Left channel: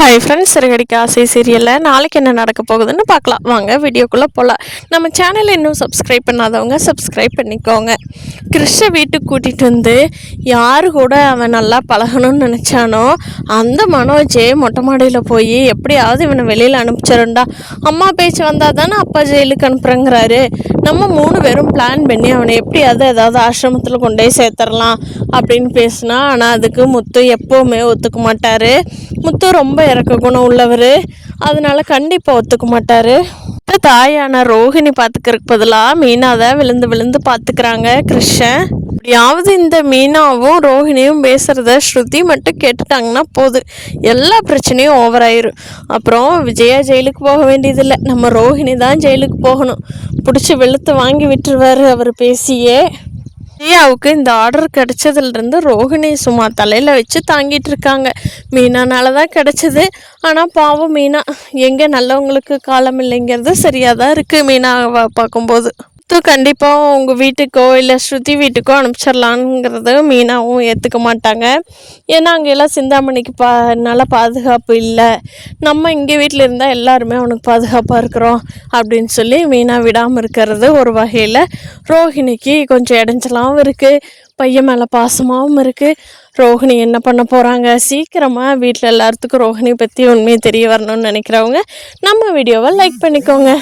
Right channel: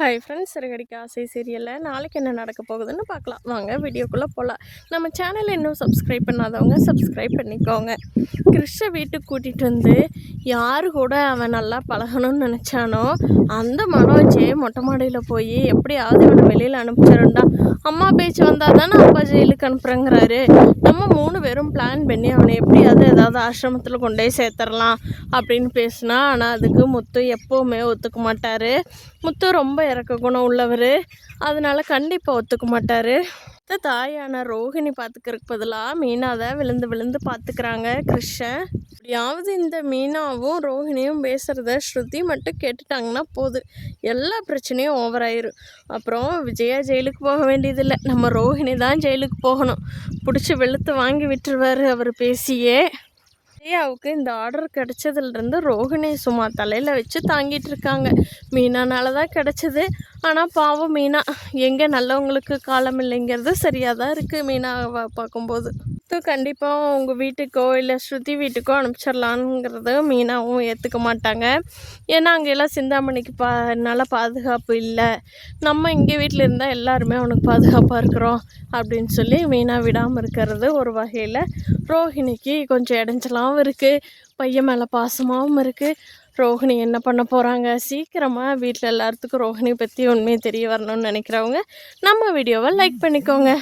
Hi friends, Siragadikka ஆசை சீரியலில் நாளைக்கு என்ன நடக்க போகுதுன்னு பார்க்கலாம். வாங்க வீடியோக்குள்ளே போகலாம். நம்ம சேனலை இன்னும் சப்ஸ்கிரைப் பண்ணாதவங்க சப்ஸ்கிரைப் பண்ணிக்கோங்க. கிறிஷை வீட்டுக்கு கூட்டிகிட்டு வந்து யார் கூட அவன் நல்லா பழகணும்னு நினச்சானோ அந்த மனோஜே மொட்டை மாடியில் போய் எப்படியாவது இவனை வெளியில் அனுப்பிச்சிருண்டா, அம்மா பேச்சு வந்தால் தானே அப்பா ஜெயிலுக்கு அனுப்புகிறேங்கிறாரு. நம்ம 3 பேரும் பிளான் பண்ணி அவனை எப்படியாவது ஏதாவது ஆசிரமத்தில் கொண்டு போய் சேர்த்துடலாம் அப்படின்னு பேசினா, ஆனால் அதுக்கு முத்து எப்போவுமே ஒத்துக்க மாட்டார். முத்து ரொம்ப இறக்க குணம் உள்ளவர், அதனால கண்டிப்பாக ஒத்துக்க மாட்டார். தாயான ரோஹிணி பார்த்துக்கிறதுக்கு பதிலாக மீனா தான் விழுந்து விழுந்து பார்த்துக்கிறாங்க கிருஷ்ணன். எப்படியாவது இந்த மீனாவும் ரோஹிணியும் பேசுகிறத ஸ்ருதி மட்டும் கேட்டுட்டாங்கன்னா போதும், எல்லா பிரச்சனையும் ஓவர் ஆயிரும். அப்புறம் விஜயா ஜெயிலுக்கு போக வேண்டியதில்லை, நம்ம ரோஹிணி தான் ஜெயிலுக்கு போகணும். பிடிச்சி வெளுத்து வாங்கி விட்டுருவார் அவர் பேசியே. விஜயாவுக்கு இந்த ஆர்டர் கிடச்சதுலேருந்து ரோஹிணி சும்மா தலையில் வச்சு தாங்கிட்டு இருக்காங்க. மீனானால தான் கிடச்சிது. ஆனால் பாவம் மீனா எங்கே நல்லவங்களுக்கு காலம் இல்லைங்கிறது சரியாக தான் இருக்குது. மீனாவை பார்க்கும்போது கண்டிப்பாக உங்கள் வீட்டுக்கோ இல்லை ஸ்ருதி வீட்டுக்கோ அனுப்பிச்சிடலான்ங்கிறது மீனாவும் ஏற்றுக்க மாட்டாங்க. ஏன்னா அங்கெல்லாம் சிந்தாமணிக்கு நல்ல பாதுகாப்பு இல்லை, நம்ம இங்கே வீட்டில் இருந்தால் எல்லாருமே அவனுக்கு பாதுகாப்பாக இருக்கிறோம் அப்படின்னு சொல்லி மீனா விடாமல் இருக்கிறது ஒரு வகையில் ரோஹிணிக்கு கொஞ்சம் இடைஞ்சலாகவும் இருக்குது, பையன் மேலே பாசமாகவும் இருக்குது. ரோஹிணி என்ன பண்ண போகிறாங்க? சீக்கிரமாக வீட்டில் எல்லாத்துக்கும் ரோஹிணி பற்றி உண்மையை தெரிய வரணும்னு நினைக்கிறவங்க நம்ம வீடியோவை லைக் பண்ணிக்கோங்க.